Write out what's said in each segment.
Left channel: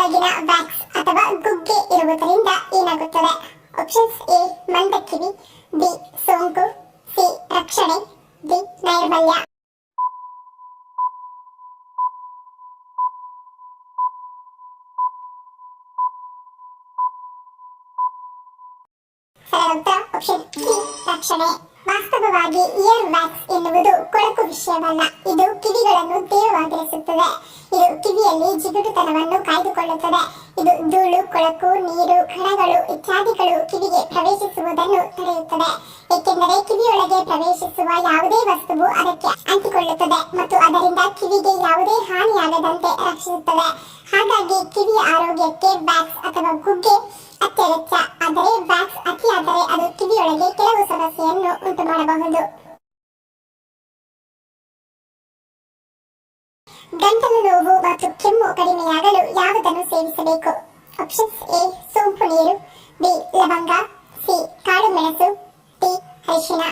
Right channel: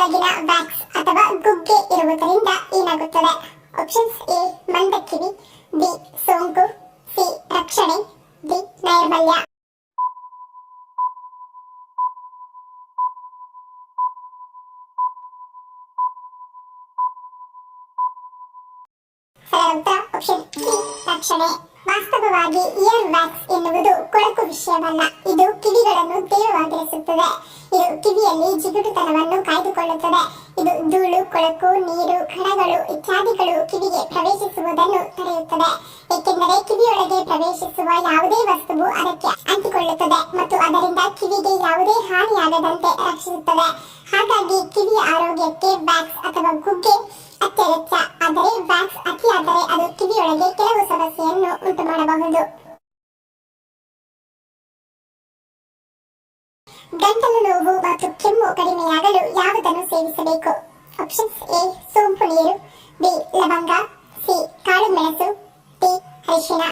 ಕಿವಿಯೊಳಗಿನ wax ಅಥವಾ ಗುಗ್ಗೆ ಇರುವುದರಿಂದ ಏನಾಗುತ್ತದೆ? ಆಪ್ಷನ್ಸ್ ಎ ಮಂದಕಿವಿ, ಬಿ ಸೋಂಕು, ಸಿ ರಕ್ಷಣೆ, ಡಿ ನೈರ್ಮಲ್ಯ. ಸರಳ ಉತ್ತರ ಆಪ್ಷನ್ ಸಿ ರಕ್ಷಣೆ. ವಾಸ್ತವವಾಗಿ ಇಯರ್ ವ್ಯಾಕ್ಸ್ ಎನ್ನುವುದು ಕೊಳಕು ವಿಷಯವಲ್ಲ, ಇದು ಕಿವಿಗಳನ್ನು ತೇವವಾಗಿರಿಸುತ್ತದೆ. ಇದು ಕಿವಿಯಲ್ಲಿ ಜಿಗುಟುತನವನ್ನು ಕಾಯ್ದುಕೊಳ್ಳುತ್ತದೆ. ಇದು ಧೂಳು, ಕೊಳಕು, ನೀರು, ಕಣಗಳು ಇತ್ಯಾದಿಗಳು ಕಿವಿಗೆ ಪ್ರವೇಶಿಸುವುದನ್ನು ತಡೆಯುತ್ತದೆ. ಏಕೆಂದರೆ ಕಿವಿಯೊಳಗೆ ಪ್ರವೇಶಿಸುವ ಯಾವುದೇ ವಸ್ತುವು ಅದಕ್ಕೆ ಅಂಟಿಕೊಳ್ಳುತ್ತದೆ ಮತ್ತು ಅದರಿಂದ ಕಿವಿಗೆ ಯಾವುದೇ ಹಾನಿಯಾಗದಂತೆ ರಕ್ಷಿಸುತ್ತದೆ. ಹಾಗಾಗಿ ಕಿವಿಯ ಆರೋಗ್ಯಕ್ಕೆ ವ್ಯಾಕ್ಸ್ ಅಥವಾ ಗುಗ್ಗೆ ಅತ್ಯಗತ್ಯ. ಆದರೆ ವ್ಯಾಕ್ಸ್ ಅತಿಯಾದರೆ ಅದು ಕಿವಿಯೊಳಗೆ ಕೆಲವು ಸಮಸ್ಯೆಯನ್ನು ಉಂಟು ಮಾಡಬಹುದು. ಗಂಟಲು ನೋವು ಮತ್ತು ಕೆಮ್ಮು ಕಡಿಮೆಯಾಗಲು ಯಾವುದನ್ನು ಸೇವಿಸಬೇಕು? ಆಪ್ಷನ್ಸ್ ಎ ಸೋಂಪು ನೀರು, ಬಿ ಲವಂಗ, ಸಿ ಕಾಳು ಮೆಣಸು, ಡಿ ಅರಿಶಿನ.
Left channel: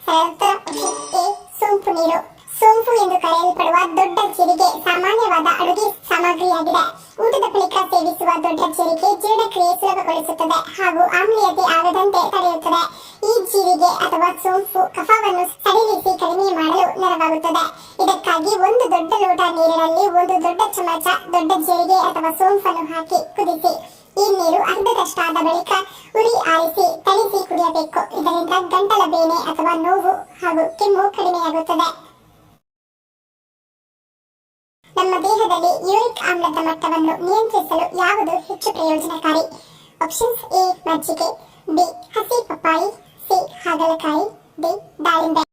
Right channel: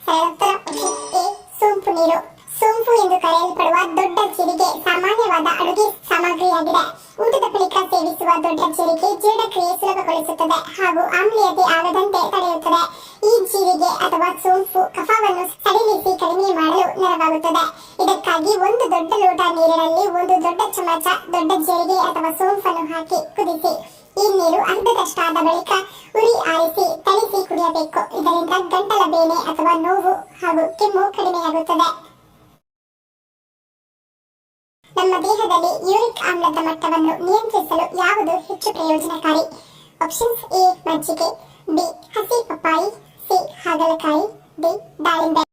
ಸರಳ ಉತ್ತರ ಆಪ್ಷನ್ ಎ ಸೋಂಪು ನೀರು. ಸೋಂಪು ಎಂದು ಕರೆಯಲ್ಪಡುವ ದೊಡ್ಡ ಜೀರಿಗೆ ಸಾಮಾನ್ಯವಾದ ಅಡುಗೆ ಸಾಮಗ್ರಿಯಾಗಿದೆ. ಊಟದ ಬಳಿಕ ಸೇವಿಸುವ ದೊಡ್ಡ ಜೀರಿಗೆ ಜೀರ್ಣಕ್ರಿಯೆ ಸುಲಭಗೊಳಿಸುತ್ತದೆ ಹಾಗೂ ಆಮ್ಲೀಯತೆ ಆಗದಂತೆ ತಡೆಯುತ್ತದೆ. ಈ ಜೀರಿಗೆ ಅಥವಾ ಸೋಂಪು ಕಫವನ್ನು ಸಡಿಲಿಸಿ ಕಡಿಮೆ ಮಾಡಲು ನೆರವಾಗುತ್ತದೆ. ಇದಕ್ಕಾಗಿ ಒಂದು ದೊಡ್ಡ ಲೋಟ ನೀರಿನಲ್ಲಿ ಒಂದು ದೊಡ್ಡ ಚಮಚ ದೊಡ್ಡ ಜೀರಿಗೆ ಅಥವಾ ಸೋಂಪನ್ನು ಹಾಕಿ ಕುದಿಸಿ ಈ ನೀರು ಅರ್ಧದಷ್ಟಾದ ಬಳಿಕ ಉರಿ ಆರಿಸಿ ತಳಿಸಿ ಕುಡಿಯಬೇಕು. ಇದರಿಂದ ಗಂಟಲ ಬೇನೆ ಅಥವಾ ನೋವು ಹಾಗೂ ಕೆಮ್ಮು ಕಡಿಮೆಯಾಗುತ್ತದೆ. ನಮ್ಮ ದೇಹದಲ್ಲಿ ಯೂರಿಕ್ ಆಮ್ಲದ ಮಟ್ಟವನ್ನು ನಿಯಂತ್ರಿಸಲು ಯಾವುದು ಹೆಚ್ಚು ಪ್ರಯೋಜನಕಾರಿ? ಆಪ್ಷನ್ಸ್ ಎ ಮಜ್ಜಿಗೆ, ಬಿ ಹಸಿ ಪಪ್ಪಾಯಿ, ಸಿ ಹಾಗಲಕಾಯಿ, ಡಿ ದಾಳಿಂಬೆ.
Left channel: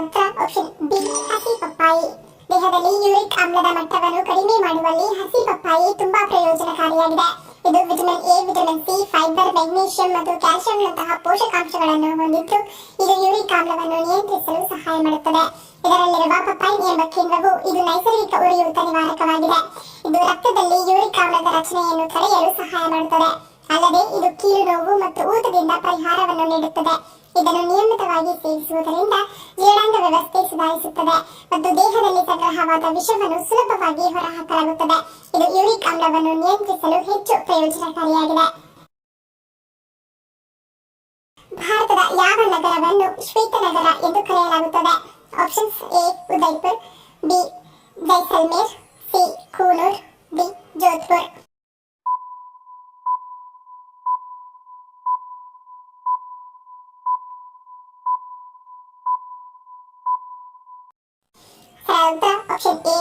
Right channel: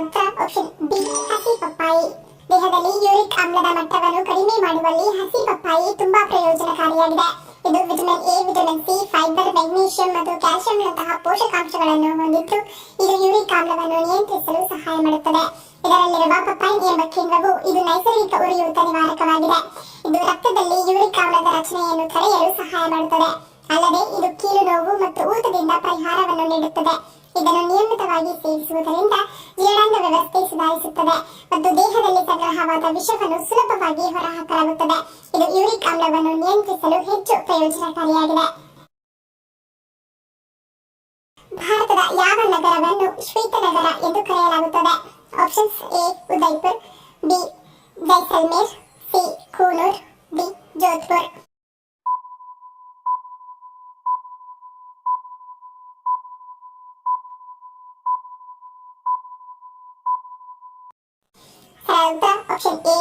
ಉತ್ತರ ಆಪ್ಷನ್ ಬಿ ಹಸಿ ಪಪ್ಪಾಯಿ. ದೇಹದಲ್ಲಿ ಯೂರಿಕ್ ಆಮ್ಲದ ಮಟ್ಟವನ್ನು ಕಡಿಮೆ ಮಾಡುವಲ್ಲಿ ಹಸಿ ಪಪ್ಪಾಯಿ ತುಂಬಾ ಪ್ರಯೋಜನಕಾರಿಯಾಗಿದೆ. ಇದು vitamin A, vitamin C, fibre, magnesium ಮತ್ತು ಕ್ಯಾಲ್ಸಿಯಂನಂತಹ ಪೋಷಕಾಂಶಗಳನ್ನು ಹೊಂದಿದ್ದು ಇದು ಯೂರಿಕ್ ಆಮ್ಲವನ್ನು ನಿಯಂತ್ರಿಸಲು ಸಹಾಯ ಮಾಡುತ್ತದೆ. ಇದರಲ್ಲಿರುವ ಪಪೈನ್ ಎಂಬ ಕೇಂದ್ರವು ಇದು ನೈಸರ್ಗಿಕ ಉರಿಯೂತ ನಿವಾರಕವಾಗಿದೆ. ಇದು ರಕ್ತದಲ್ಲಿ ಯೂರಿಕ್ ಆಮ್ಲದ ರಚನೆಯನ್ನು ತಡೆಯಲು ಸಹಾಯ ಮಾಡುತ್ತದೆ. ಅಲ್ಲದೆ ಇದು ಕೀಲು ನೋವು ಮತ್ತು ಊತದಿಂದ ಪರಿಹಾರವನ್ನು ನೀಡುತ್ತದೆ. ಇದನ್ನು ನಿಯಮಿತವಾಗಿ ಸೇವಿಸುವುದರಿಂದ ಜೀರ್ಣಾಂಗ ವ್ಯವಸ್ಥೆ ಸುಧಾರಿಸುತ್ತದೆ ಮತ್ತು ದೇಹದಲ್ಲಿ ಸಂಗ್ರಹವಾದ ವಿಷವನ್ನು ಸುಲಭವಾಗಿ ಹೊರಹಾಕಲಾಗುತ್ತದೆ. ಇದು ಯೂರಿಕ್ ಆಮ್ಲವನ್ನು ನಿಯಂತ್ರಿಸಲು ಹೆಚ್ಚು ಪ್ರಯೋಜನಕಾರಿಯಾಗಿದೆ. ಭಾರತದ ಯಾವ ನಗರವನ್ನು ಶ್ವೇತನಗರ ಎಂದು ಕರೆಯಲಾಗುತ್ತದೆ? Options A Udaipur, B Jaisalmer, C Coonoor, D Jodhpur. ಉತ್ತರ ಆಪ್ಷನ್ ಎ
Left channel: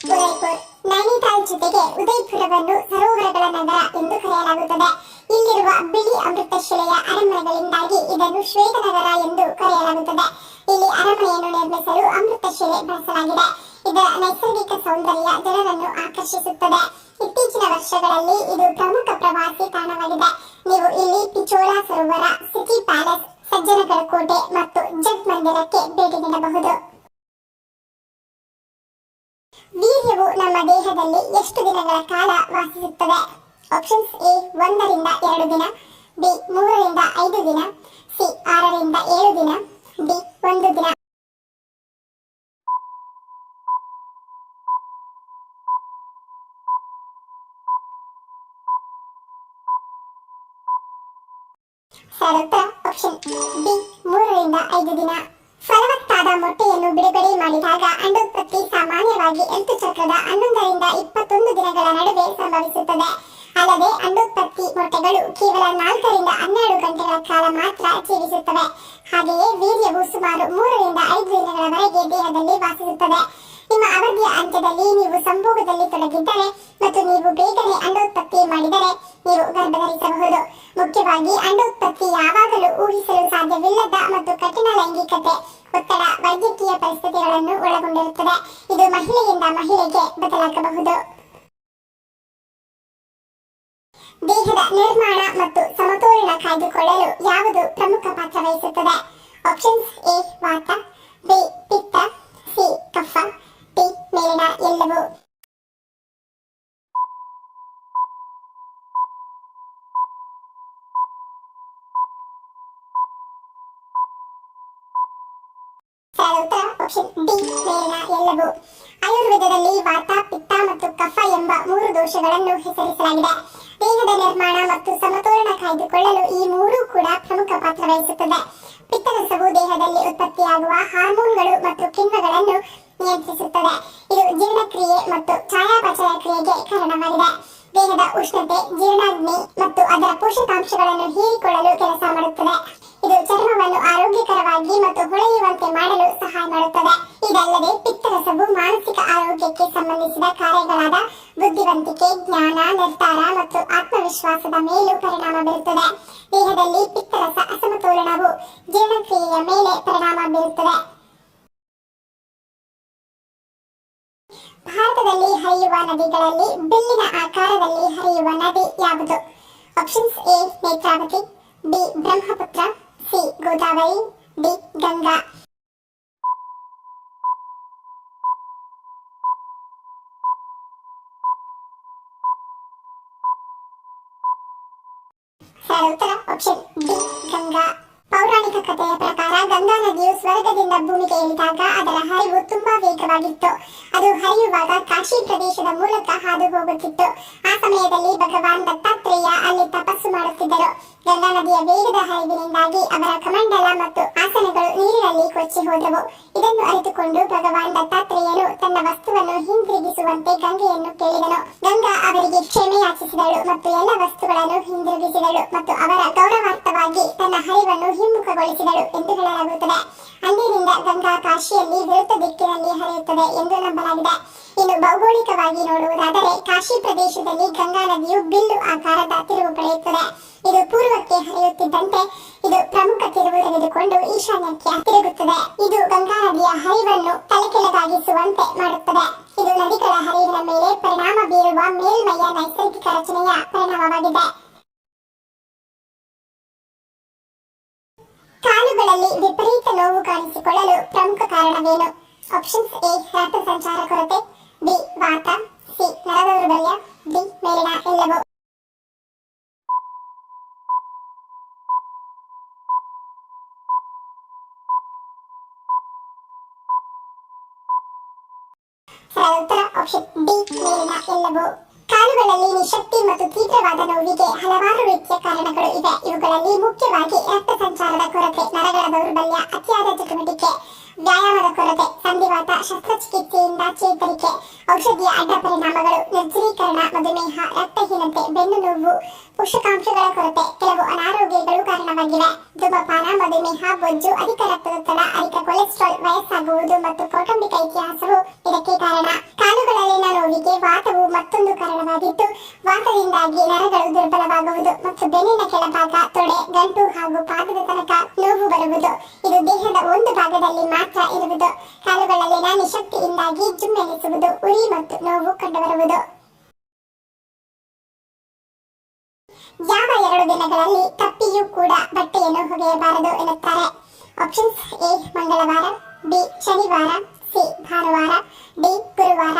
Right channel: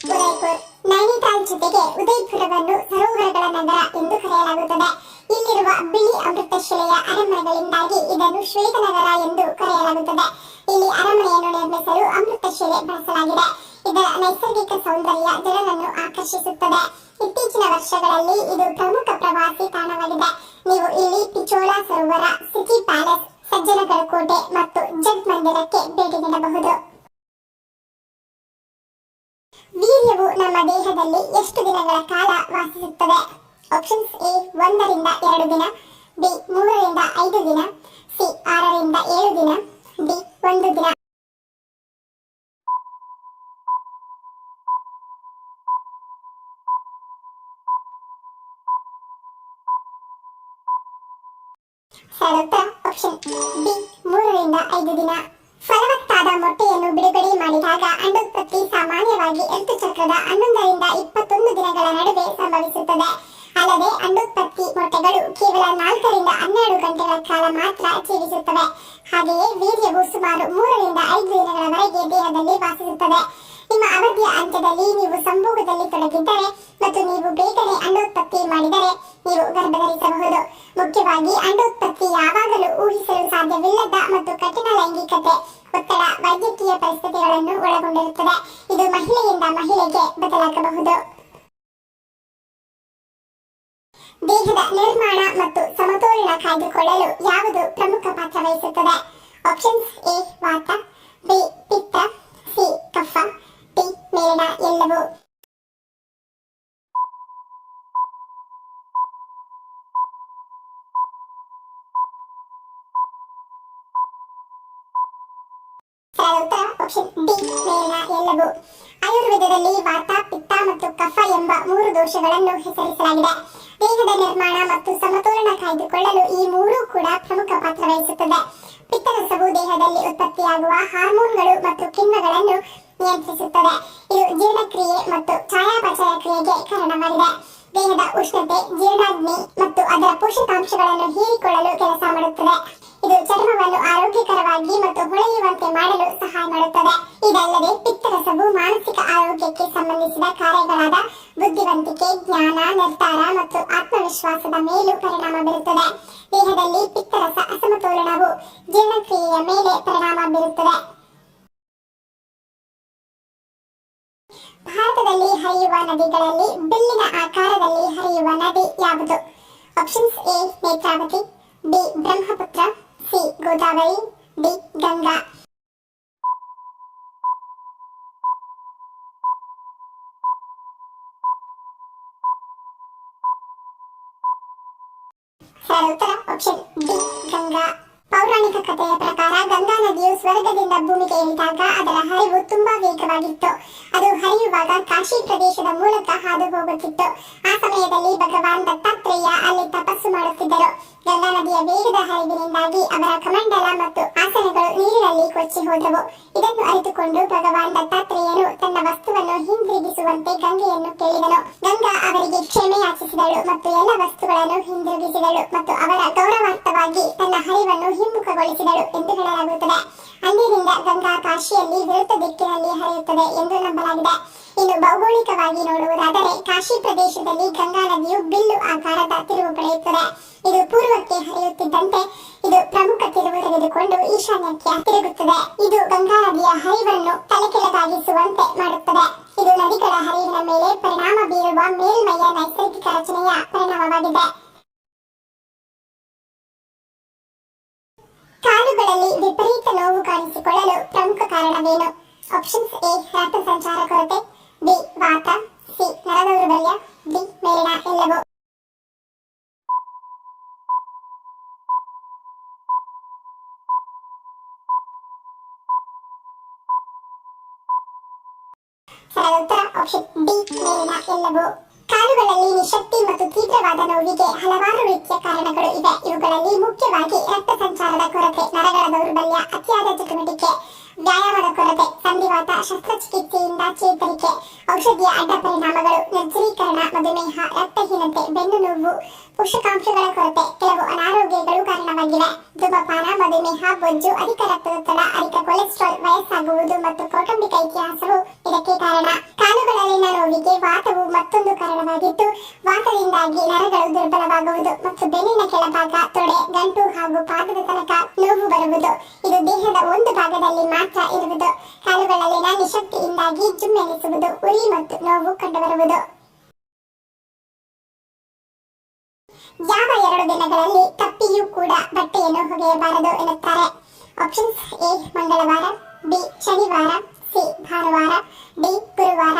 ಉದಯ್ಪುರ್. ನೈನಿತಾಲ್ ಜೊತೆಗೆ ಉದಯ್ಪುರವನ್ನು ಸರೋವರಗಳ ನಗರ ಎಂದು ಕರೆಯಲಾಗುತ್ತದೆ. ಇಲ್ಲಿರುವ ಬಿಳಿ ಅಮೃತಶಿಲೆಯ ಅರಮನೆಗಳಿಂದಾಗಿ ಇದನ್ನು ಶ್ವೇತನಗರ ಎಂದು ಕರೆಯಲಾಗುತ್ತದೆ. ಇಲ್ಲಿ ಅರಮನೆಯನ್ನು ನಿರ್ಮಿಸಲು ಅಮೃತಶಿಲೆ ಬಳಸಲಾಗಿದೆ. ಇದರ ನೈಸರ್ಗಿಕ ಸೌಂದರ್ಯ ಜನರನ್ನು ಆಕರ್ಷಿಸುತ್ತದೆ. ಇತ್ತೀಚಿನ ವರ್ಷಗಳಲ್ಲಿ ಇದು ಪ್ರಮುಖ ಪ್ರವಾಸಿ ತಾಣವಾಗಿದೆ. ನೀವು ಇಲ್ಲಿ ಪಿಚೋಲಾ ಸರೋವರ, ಸಿಟಿ ಪ್ಯಾಲೇಸ್, ಸಜ್ಜನಗಡ ಕೋಟೆ ಮತ್ತು ಜಗ್ ಮಂದಿರಕ್ಕೆ ಭೇಟಿ ನೀಡಬಹುದು. ವೀರ್ಯವು ನಮ್ಮ ದೇಹದಲ್ಲಿ ಎಷ್ಟು ದಿನಗಳ ಕಾಲ ವಾಸಿಸುತ್ತದೆ? ಆಪ್ಷನ್ಸ್ ಎ 1 ರಿಂದ 2 ದಿನ, ಬಿ 3 ರಿಂದ 5 ದಿನ, ಸಿ 6 ರಿಂದ 7 ದಿನ, ಡಿ 1 ದಿನ. ಉತ್ತರ ಆಪ್ಷನ್ ಬಿ 3 ರಿಂದ 5 ದಿನ. ಫಲವತ್ತಾದ ಮೊಟ್ಟೆಯನ್ನು ಬಿಡುಗಡೆ ಮಾಡಿದಾಗ ಅಂಡೋತ್ಪತ್ತಿ ಸಾಮಾನ್ಯವಾಗಿ ಋತುಚಕ್ರದ 11 ರಿಂದ 21 ದಿನಗಳ ನಡುವೆ ಸಂಭವಿಸುತ್ತದೆ. ಅಲ್ಲದೆ ಅಂಡೋತ್ಪತ್ತಿ ಮೊಟ್ಟೆಗಳು ಕೇವಲ 4 ರಿಂದ 12 ಗಂಟೆಗಳ ಕಾಲ ಮಾತ್ರ ಜೀವಿಸುತ್ತವೆ. ಹಾಗೆಯೇ ವೀರ್ಯವು ಸುಮಾರು 3 ರಿಂದ 5 ದಿನಗಳವರೆಗೆ ದೇಹದಲ್ಲಿ ವಾಸಿಸುತ್ತದೆ. ನಿಮ್ಮ ಅವಧಿಯ ಅಂತ್ಯದಲ್ಲಿ ನೀವು ಸಂಭೋಗದಲ್ಲಿ ತೊಡಗಿದ್ದರೆ ಮತ್ತು ನೀವು ಬೇಗನೆ ಅಂಡೋತ್ಪತ್ತಿ ಮಾಡಿದರೆ ನೀವು ಗರ್ಭಧರಿಸಬಹುದು. ಮುಖ್ಯವಾಗಿ ಅಂಡೋತ್ಪತ್ತಿ ಯಾವಾಗಲೂ ಊಹಿಸಲು ಸಾಧ್ಯವಿಲ್ಲದ ಮತ್ತು ಕಠಿಣ ಲೈಂಗಿಕತೆ, ಒತ್ತಡ, ವೈದ್ಯಕೀಯ ಪರಿಸ್ಥಿತಿಗಳನ್ನು ಒಳಗೊಂಡಿರುತ್ತದೆ. ಇದು ಮಹಿಳೆಯಿಂದ ಮಹಿಳೆಗೆ ಬದಲಾಗಬಹುದು. ದೇಹದ ನಿರ್ಮಾಣ ಮತ್ತು ಸಮತೋಲನ ಕಾಯ್ದುಕೊಳ್ಳಲು ಯಾವುದು ಪ್ರಮುಖ ಪಾತ್ರ ವಹಿಸುತ್ತದೆ? ಆಪ್ಷನ್ಸ್ ಎ ವಾತ, ಬಿ ಪಿತ್ತ, ಸಿ ಕಫ, ಡಿ ಮೇಲಿನ ಎಲ್ಲವೂ. ಸರಿಯಾದ ಉತ್ತರ ಆಪ್ಷನ್ ಡಿ ಮೇಲಿನ ಎಲ್ಲವೂ. ಆಯುರ್ವೇದದಲ್ಲಿ ವಾತ, ಪಿತ್ತ ಮತ್ತು ಕಫ ಎಂಬ 3 ದೋಷಗಳನ್ನು ಹೆಸರಿಸಲಾಗಿದೆ. ದೇಹದ ನಿರ್ಮಾಣ ಮತ್ತು ಸಮತೋಲನ ಕಾಯ್ದುಕೊಳ್ಳಲು ಈ 3 ಕೂಡ ಪ್ರಮುಖ ಪಾತ್ರ ವಹಿಸುತ್ತದೆ. ಪಿತ್ತರಸವು ದೇಹದಲ್ಲಿ ಉತ್ಪತ್ತಿಯಾಗುವ ಹಾರ್ಮೋನ್ಗಳು ಮತ್ತು ಕಿಣ್ವಗಳನ್ನು ನಿಯಂತ್ರಿಸುತ್ತದೆ. ಇದು ಜೀರ್ಣಕ್ರಿಯೆ ಮತ್ತು ಚಯಾಪಚಯ ಕ್ರಿಯೆಗೆ ಕಾರಣವಾಗಿದೆ. ದೇಹದ ಉಷ್ಣತೆ, ಜೀರ್ಣಾಗ್ನಿ ಮತ್ತು ಅದರ ಪೋಷಕಾಂಶಗಳನ್ನು ಹೀರಿಕೊಳ್ಳಲು ಕೆಲಸ ಮಾಡುತ್ತದೆ. ಇದು ಚರ್ಮವನ್ನು ಆರೋಗ್ಯಕರವಾಗಿ ಮತ್ತು ಹೊಳೆಯುವಂತೆ ಮಾಡಲು ಸಹಾಯ ಮಾಡುತ್ತದೆ. ಇದಲ್ಲದೆ ಪಿತ್ತರಸವು ಮಾನಸಿಕ ಆರೋಗ್ಯಕ್ಕೆ ಸಂಬಂಧಿಸಿದ ಕಾರ್ಯಗಳಾದ ಬುದ್ಧಿವಂತಿಕೆ, ಜ್ಞಾನ, ನಿರ್ಧಾರ ಮತ್ತು ಆತ್ಮವಿಶ್ವಾಸದ ಮೇಲೂ ಪರಿಣಾಮ ಬೀರುತ್ತದೆ. ದೇಹದಲ್ಲಿ ಪಿತ್ತರಸ ಅಸಮತೋಲನವು ಜೀರ್ಣಕ್ರಿಯೆಯ ಮೇಲೆ ಪರಿಣಾಮ ಬೀರುತ್ತದೆ. ಭಾರತದಲ್ಲಿ ಹರಿಯುವ ನದಿಗಳಲ್ಲಿ ಬಿಲ್ಲಿನ ಆಕಾರದಲ್ಲಿ ಹರಿಯುವ ನದಿ ಯಾವುದು? Options A Netravati, B Brahmaputra, C Godavari, D Ganga. ಸರಿಯಾದ ಉತ್ತರ ಆಪ್ಷನ್ ಡಿ ಗಂಗಾ. ಪೌರಾಣಿಕ ಕಥೆಯ ಪ್ರಕಾರ ಗಂಗಾ ನದಿಯು ಸ್ವರ್ಗದಿಂದ ಭೂಮಿಗೆ ಇಳಿದಾಗ ಅದರ ಹರಿವು ತುಂಬಾ ವೇಗವಾಗಿತ್ತು. ಅದು ಹರಿಯುವಾಗ ಕಾಶಿ ಪ್ರದೇಶದ ಮೂಲಕ ಹಾದು ಹೋಗುತ್ತಿತ್ತು. ಆ ಸಮಯದಲ್ಲಿ ಭಗವಾನ್ ದತ್ತಾತ್ರೇಯ ಅಲ್ಲಿ ತಪಸ್ಸು ಮಾಡುತ್ತಿದ್ದರು. ಗಂಗಾ ನದಿಯ ವೇಗದ ಹರಿವಿನಿಂದಾಗಿ ಅವರ ಕಮಂಡಲ ಮತ್ತು ಆಸನಗಳು ನೀರಿನಲ್ಲಿ ಕೊಚ್ಚಿ ಹೋದವು. ಇದನ್ನು ಅರಿತುಕೊಂಡು ಭಗವಾನ್ ದತ್ತಾತ್ರೇಯನು ತನ್ನ ವಸ್ತುವನ್ನು ಹಿಂದಿರುಗಿಸುವಂತೆ ಗಂಗೆಯನ್ನು ಕೇಳಿದನು. ಗಂಗಾ ಅವರಿಗೆ ಕ್ಷಮೆ ಯಾಚಿಸಿದಳು ಮತ್ತು ಎಲ್ಲ ವಸ್ತುಗಳನ್ನು ಹಿಂದಿರುಗಿಸಿದಳು ಮತ್ತು ಅವರ ಗೌರವಾರ್ಥವಾಗಿ ತನ್ನ ಹರಿವನ್ನು ಹಿಮ್ಮುಖಗೊಳಿಸಿದಳು ಎಂದು ಹೇಳಲಾಗುತ್ತದೆ. ಅಂದಿನಿಂದ ಗಂಗಾ ಕಾಶಿಯಲ್ಲಿ ವಿರುದ್ಧ ದಿಕ್ಕಿನಲ್ಲಿ ಹರಿಯುತ್ತದೆ ಎಂದು ನಂಬಲಾಗಿದೆ. ಇನ್ನು ಭೌಗೋಳಿಕವಾಗಿ ನೋಡುವುದಾದರೆ ಕಾಶಿ ಪ್ರದೇಶದಲ್ಲಿ ಗಂಗಾ ನದಿಯು ಬಿಲ್ಲು ಆಕಾರದ ತಿರುವು ಪಡೆಯುತ್ತದೆ. ಇದು ಪೂರ್ವಕ್ಕೆ ಹರಿಯುತ್ತಿದ್ದಂತೆ ಇದು ಪ್ರಮುಖ ತಿರುವು ತೆಗೆದುಕೊಂಡು ಈಶಾನ್ಯಕ್ಕೆ ತಿರುಗುತ್ತದೆ. ಇದು ಗಂಗಾ ನದಿಯ ಹರಿವನ್ನು ತಲೆಕೆಳಗಾಗಿಸುವಂತೆ ಮಾಡುತ್ತದೆ. ಇದು ನದಿಗಳ ಹರಿವಿನ ಮೇಲೆ ಪರಿಣಾಮ ಬೀರುವ ಮೇಲ್ಮೈಯ ನೈಸರ್ಗಿಕ ರಚನೆಯ ಪರಿಣಾಮವಾಗಿದೆ. ಕಾಲುಗಳಲ್ಲಿ ವಿಪರೀತ ನೋವು ಕಾಣಿಸಿಕೊಳ್ಳಲು ಪ್ರಮುಖ ಕಾರಣವೇನು? ಆಪ್ಷನ್ಸ್ ಎ ರಕ್ತ ಸಂಚಾರ ಕೊರತೆ, ಬಿ ವಾತ, ಸಿ ನರ ದೌರ್ಬಲ್ಯ, ಡಿ ಮೇಲಿನ ಎಲ್ಲವೂ. ಸರಿಯಾದ ಉತ್ತರ ಆಪ್ಷನ್ ಡಿ ಮೇಲಿನ ಎಲ್ಲವೂ. ಕಾಲುಗಳಲ್ಲಿ ನಿಶಕ್ತಿ ಮತ್ತು ತೀವ್ರವಾದ ನೋವಿಗೆ ಹಲವಾರು ರೀತಿಯ ಕಾರಣಗಳು ಇವೆ. ಇವುಗಳಲ್ಲಿ ಮುಖ್ಯವಾಗಿ ರಕ್ತ ಸಂಚಾರದ ಕೊರತೆ, ನರಗಳ ದೌರ್ಬಲ್ಯ, ಅತಿಯಾದ ಚಟುವಟಿಕೆ, ವ್ಯಾಯಾಮದ ಕೊರತೆ, ಸಂಧಿವಾತ, ಶಸ್ತ್ರಚಿಕಿತ್ಸೆಯಿಂದ ಚೇತರಿಕೆ, ಔಷಧಿಯ ಅಡ್ಡ ಪರಿಣಾಮಗಳು, ನಿರ್ಜಲೀಕರಣ, ಮಧುಮೇಹ, ರಕ್ತಹೀನತೆ, ಬೆನ್ನು ನೋವು, ಪೋಷಕಾಂಶಗಳ ಕೊರತೆ, ಕೆಲವು ಅನಾರೋಗ್ಯಗಳು ಕಾರಣವಾಗಿವೆ. ಧೂಮಪಾನ, ಮಧುಮೇಹ, ಬೊಜ್ಜು, ಅಧಿಕ ರಕ್ತದೊತ್ತಡ, ಅಧಿಕ ಕೊಲೆಸ್ಟ್ರಾಲ್, ವಯಸ್ಸಾಗುವುದು ಮತ್ತು ಕೌಟುಂಬಿಕ ಇತಿಹಾಸವು ಇದಕ್ಕೆ ಕಾರಣ. ಕಾಲುಗಳಲ್ಲಿನ ನೋವಿಗೆ ವಾತವು ಮತ್ತೊಂದು ಕಾರಣವಾಗಿದ್ದು, ವಾತದಿಂದಾಗಿ ನರಗಳು ದುರ್ಬಲವಾಗುವುದು ಮತ್ತು ಬೆನ್ನಿನ ಕೆಳಭಾಗ, ತೊಡೆ, ಗಂಟು ಹಾಗೂ ಪಾದದ ತನಕ ನೋವು ಬರುವುದು. ಇದು ದೇಹದ ಒಂದು ಭಾಗದಲ್ಲಿ ಮಾತ್ರ ಇರುವುದು. ಕಾಲುಗಳಲ್ಲಿನ ನಿಶಕ್ತಿಯಿಂದಾಗಿ ಜುಮ್ಮೆನಿಸುವುದು, ಉರಿ ಮತ್ತು ನೋವು ಕಂಡುಬರುವುದು. ಯಾವ 2 ದಿನಗಳಲ್ಲಿ ತಪ್ಪಿಯೂ ಕೂಡ ಬಟ್ಟೆಯನ್ನು ಒಗೆಯಬಾರದು ಎನ್ನುತ್ತಾರೆ? ಆಪ್ಷನ್ಸ್ ಎ ಮಂಗಳವಾರ, ಬಿ ಶನಿವಾರ, ಸಿ ಭಾನುವಾರ, ಡಿ ಗುರುವಾರ.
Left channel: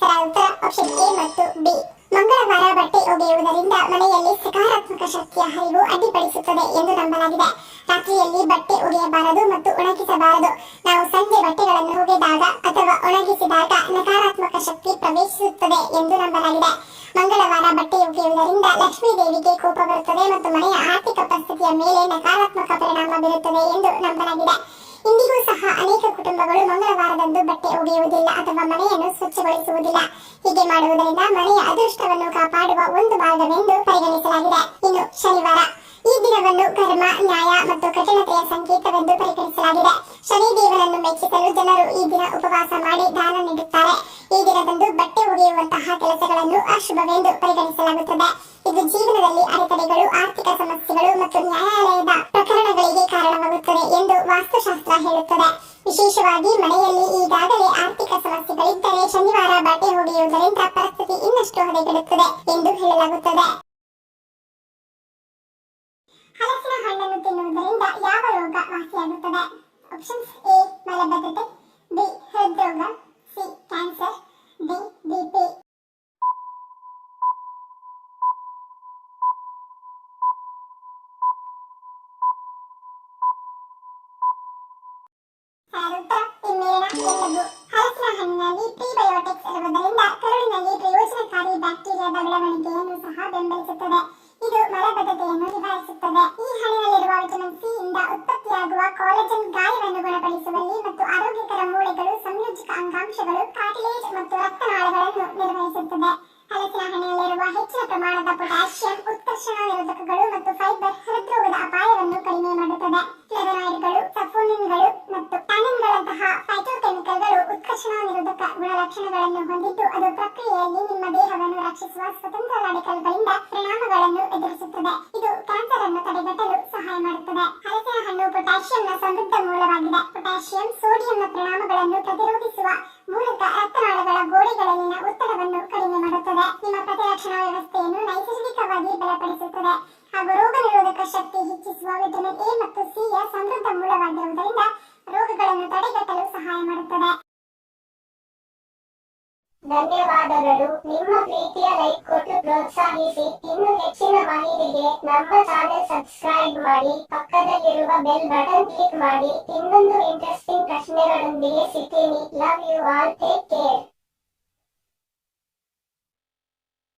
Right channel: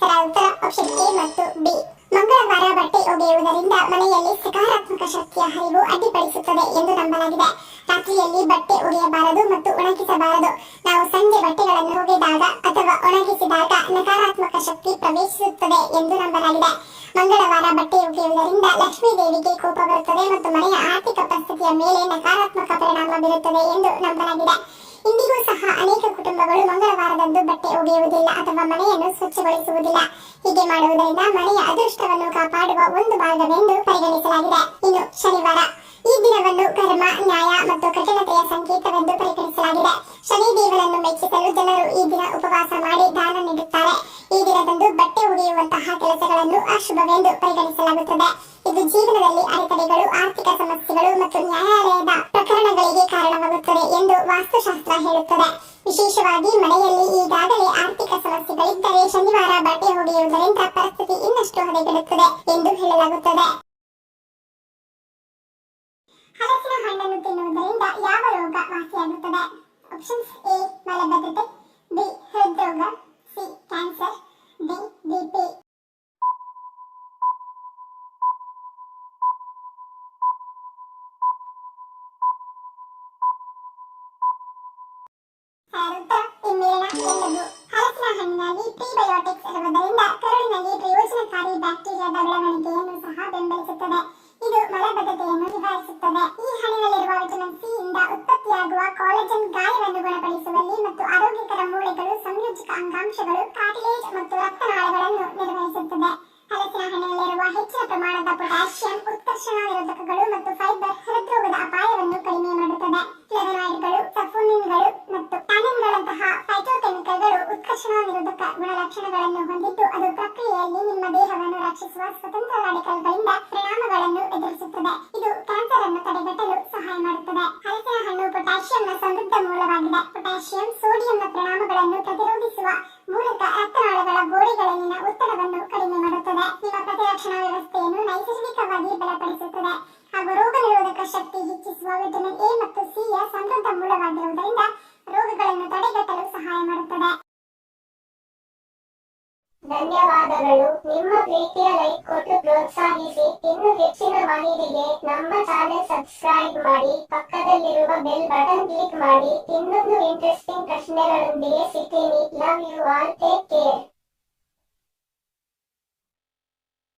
ಸರಿಯಾದ ಉತ್ತರ ಆಪ್ಷನ್ ಎ ಮತ್ತು ಬಿ. ಮಂಗಳವಾರ ಬಟ್ಟೆ ಒಗೆಯುವುದರಿಂದ ಮನೆಯಲ್ಲಿ ಸಕಾರಾತ್ಮಕ ಶಕ್ತಿಯ ಹರಿವು ಅಡ್ಡಿಪಡಿಸುತ್ತದೆ ಎಂದು ನಂಬಲಾಗಿದೆ. ರಾತ್ರಿಯಲ್ಲಿ ಬಟ್ಟೆ ಒಗೆಯಬಾರದು ಮತ್ತು ಒಣಗಿಸಬಾರದು. ನಾವು ಸಂಜೆ ಬಟ್ಟೆಗಳನ್ನು ಒಗೆದಾಗ ಅಥವಾ ಒಣಗಿಸಿದಾಗ ನಕಾರಾತ್ಮಕ ಶಕ್ತಿ ಪ್ರವೇಶಿಸುತ್ತದೆ ಎಂದು ನಂಬಲಾಗಿದೆ. ಮಂಗಳವಾರ ಬಟ್ಟೆ ಒಗೆಯುವುದರಿಂದ ಲಕ್ಷ್ಮೀ ದೇವಿಗೆ ಕೋಪ ಬರುತ್ತದೆ ಮತ್ತು ಮನೆಯ ಆರ್ಥಿಕ ಪರಿಸ್ಥಿತಿಯ ಮೇಲೆ ನಕಾರಾತ್ಮಕ ಪರಿಣಾಮ ಬೀರುತ್ತದೆ ಎಂದು ನಂಬಲಾಗಿದೆ. ಇಂದಿಗೂ ಸಹ ಅನೇಕ ಕುಟುಂಬಗಳು ಮಂಗಳವಾರದಂದು ಬಟ್ಟೆ ಒಗೆಯುವುದಿಲ್ಲ ಅಥವಾ ಮನೆಯನ್ನು ಸ್ವಚ್ಛಗೊಳಿಸುವುದಿಲ್ಲ. ಹೀಗೆ ಮಾಡುವುದರಿಂದ ಮನೆಯ ಅದೃಷ್ಟವನ್ನು ಕಾಪಾಡುವ ಒಂದು ಮಾರ್ಗವೆಂದು ಪರಿಗಣಿಸಲಾಗಿದೆ. ಇನ್ನು ಶನಿವಾರ, ಈ ದಿನವನ್ನು ಕರ್ಮ, ನ್ಯಾಯ ಮತ್ತು ಕಠಿಣತೆಯ ಸಂಕೇತವೆಂದು ಪರಿಗಣಿಸಲಾಗಿದೆ. ಶನಿದೇವನನ್ನು ಮೆಚ್ಚಿಸಲು ಜನರು ಈ ದಿನ ಉಪವಾಸ ಮಾಡಿ ದಾನ ನೀಡುತ್ತಾರೆ. ಈ ದಿನದಂದು ಬಟ್ಟೆ ಒಗೆಯುವಂತಹ ಕೆಲಸಗಳನ್ನು ಅಶುಭವೆಂದು ಪರಿಗಣಿಸಲಾಗುತ್ತದೆ. ಇದು ಜೀವನದಲ್ಲಿ ಅಡೆತಡೆಗಳು, ಆರ್ಥಿಕ ಸಮಸ್ಯೆಗಳು ಮತ್ತು ನ್ಯಾಯಾಲಯದ ಪ್ರಕರಣಗಳಿಗೆ ಕಾರಣವಾಗುತ್ತದೆ ಎಂದು ವಾಸ್ತುಶಾಸ್ತ್ರ ಹೇಳುತ್ತದೆ. ವಿಶೇಷವಾಗಿ ಮನೆಯಲ್ಲಿ ಈಗಾಗಲೇ ಆರ್ಥಿಕ ಸಮಸ್ಯೆಗಳಿದ್ದರೆ ಶನಿವಾರ ಬಟ್ಟೆ ಒಗೆಯುವುದರಿಂದ ಪರಿಸ್ಥಿತಿ ಇನ್ನಷ್ಟು ಹದಗೆಡುತ್ತದೆ ಎಂದು ಹೇಳಲಾಗುತ್ತದೆ. ಹಲಸಿನ ಹಣ್ಣನ್ನು ತಿನ್ನುವುದರಿಂದ ಯಾವ ರೋಗ ವಾಸಿಯಾಗುತ್ತದೆ? ಆಪ್ಷನ್ಸ್: ಎ ಮಲಬದ್ಧತೆ, ಬಿ ಹೃದ್ರೋಗ, ಸಿ ಕ್ಯಾನ್ಸರ್, ಡಿ ಬಿಪಿ. ಹಿಮ್ಮೇಳಿನ ಎಲ್ಲದು. ಹಲಸಿನ ಹಣ್ಣಿನಲ್ಲಿ ಪ್ರೀಬಯೋಟಿಕ್ಸ್ ಇರುವುದರಿಂದ ಕರುಳಿನಲ್ಲಿ ಪ್ರಯೋಜನಕಾರಿ ಬ್ಯಾಕ್ಟೀರಿಯಾದ ಬೆಳವಣಿಗೆಯನ್ನು ಸಹ ಬೆಂಬಲಿಸುತ್ತದೆ. ಇದು ಮಲಬದ್ಧತೆಯನ್ನು ನಿವಾರಿಸುತ್ತದೆ. ಈ ಹಣ್ಣಿನಲ್ಲಿರುವ ವಿಟಮಿನ್ ಸಿ ಇಂದ ಉತ್ಪತ್ತಿಯಾಗುವ ಕಾಲಜನ್ ಗಾಯವನ್ನು ಗುಣಪಡಿಸುವಲ್ಲಿ ಮತ್ತು ಆರೋಗ್ಯಕರ ಮೂಳೆಗಳು, ಸಂಯೋಜಕ ಅಂಗಾಂಶಗಳು, ಕಾರ್ಟಿಲೇಜ್ ಮತ್ತು ರಕ್ತನಾಳಗಳನ್ನು ನಿರ್ವಹಿಸುತ್ತದೆ. ಹಲಸಿನ ಹಣ್ಣಿನಲ್ಲಿರುವ ಹೆಚ್ಚಿನ ಪ್ರಮಾಣದ ಪೊಟ್ಯಾಷಿಯಂ ಉತ್ಕರ್ಷಣ ನಿರೋಧಕಗಳು ಮತ್ತು ಫೈಬರ್ ಹೃದ್ರೋಗದ ಅಪಾಯವನ್ನು ಕಡಿಮೆ ಮಾಡುತ್ತದೆ. ಫ್ಲೇವನಾಯ್ಡ್ಗಳು, ಸಫೋನಿನ್ಗಳು ಮತ್ತು ಟ್ಯಾನಿನ್ಗಳಂತಹ ಫೈಟೋಕೆಮಿಕಲ್ಗಳು ಉತ್ಕರ್ಷಣ ನಿರೋಧಕ ಗುಣಲಕ್ಷಣಗಳನ್ನು ಹೊಂದಿದ್ದು ಅದು ಪ್ರಕ್ರಿಯೆಯಲ್ಲಿ ನಿಮ್ಮ ದೇಹವನ್ನು ರಕ್ಷಿಸುವ ಸ್ವತಂತ್ರ ರಾಡಿಕಲ್ಗಳಿಂದ ಪರಿಣಾಮಗಳನ್ನು ಎದುರಿಸುತ್ತದೆ. ಇದು ಕ್ಯಾನ್ಸರ್ ಅನ್ನು ತಡೆಗಟ್ಟಲು ಸಹಾಯ ಮಾಡುತ್ತದೆ. ಹಲಸಿನ ಹಣ್ಣು ಪೊಟ್ಯಾಷಿಯಂನ ಸಮೃದ್ಧ ಮೂಲವಾಗಿದೆ. ಪೊಟ್ಯಾಷಿಯಂ ಸೋಡಿಯಂನ ಪರಿಣಾಮಗಳನ್ನು ಪ್ರತಿರೋಧಿಸುವ ಮೂಲಕ ರಕ್ತನಾಳಗಳ ಗೋಡೆಗಳಲ್ಲಿನ ಒತ್ತಡವನ್ನು ಕಡಿಮೆ ಮಾಡುತ್ತದೆ. ನಿಮ್ಮ ಪ್ರತಿರಕ್ಷಣಾ ವ್ಯವಸ್ಥೆಯನ್ನು ನೈಸರ್ಗಿಕವಾಗಿ ಬಲಪಡಿಸುತ್ತದೆ ಹಾಗೂ ರೋಗ ನಿರೋಧಕ ಶಕ್ತಿ ಹೆಚ್ಚಿಸುವ ವಿಟಮಿನ್ ಎ ಮತ್ತು ಸಿ ಯ ಸಮೃದ್ಧ ಮೂಲವಾಗಿರುವುದರಿಂದ ರೋಗಗಳನ್ನು ತಡೆಗಟ್ಟಲು ಸಹಾಯ ಮಾಡುತ್ತದೆ. ಧನ್ಯವಾದಗಳು. ನಿಮ್ಮ ಪ್ರೀತಿಯ ಲೈಕ್ ಕೊಟ್ಟು ಪ್ರೋತ್ಸಾಹಿಸಿ. ಇನ್ನು ಹೆಚ್ಚಿನ ಮಾಹಿತಿಗೆ ನಮ್ಮ ಚಾನೆಲ್ ಸಬ್ಸ್ಕ್ರೈಬ್ ಮಾಡಿ, ಪಕ್ಕದಲ್ಲಿರುವ ಬೆಲ್ ಬಟನ್ ಕ್ಲಿಕ್ ಮಾಡಿ. ಇನ್ನೊಂದು ಇಂಟ್ರೆಸ್ಟಿಂಗ್ ಪ್ರಶ್ನೆಗಳೊಂದಿಗೆ ಸಿಗ್ತೀನಿ. Love you all. Take care.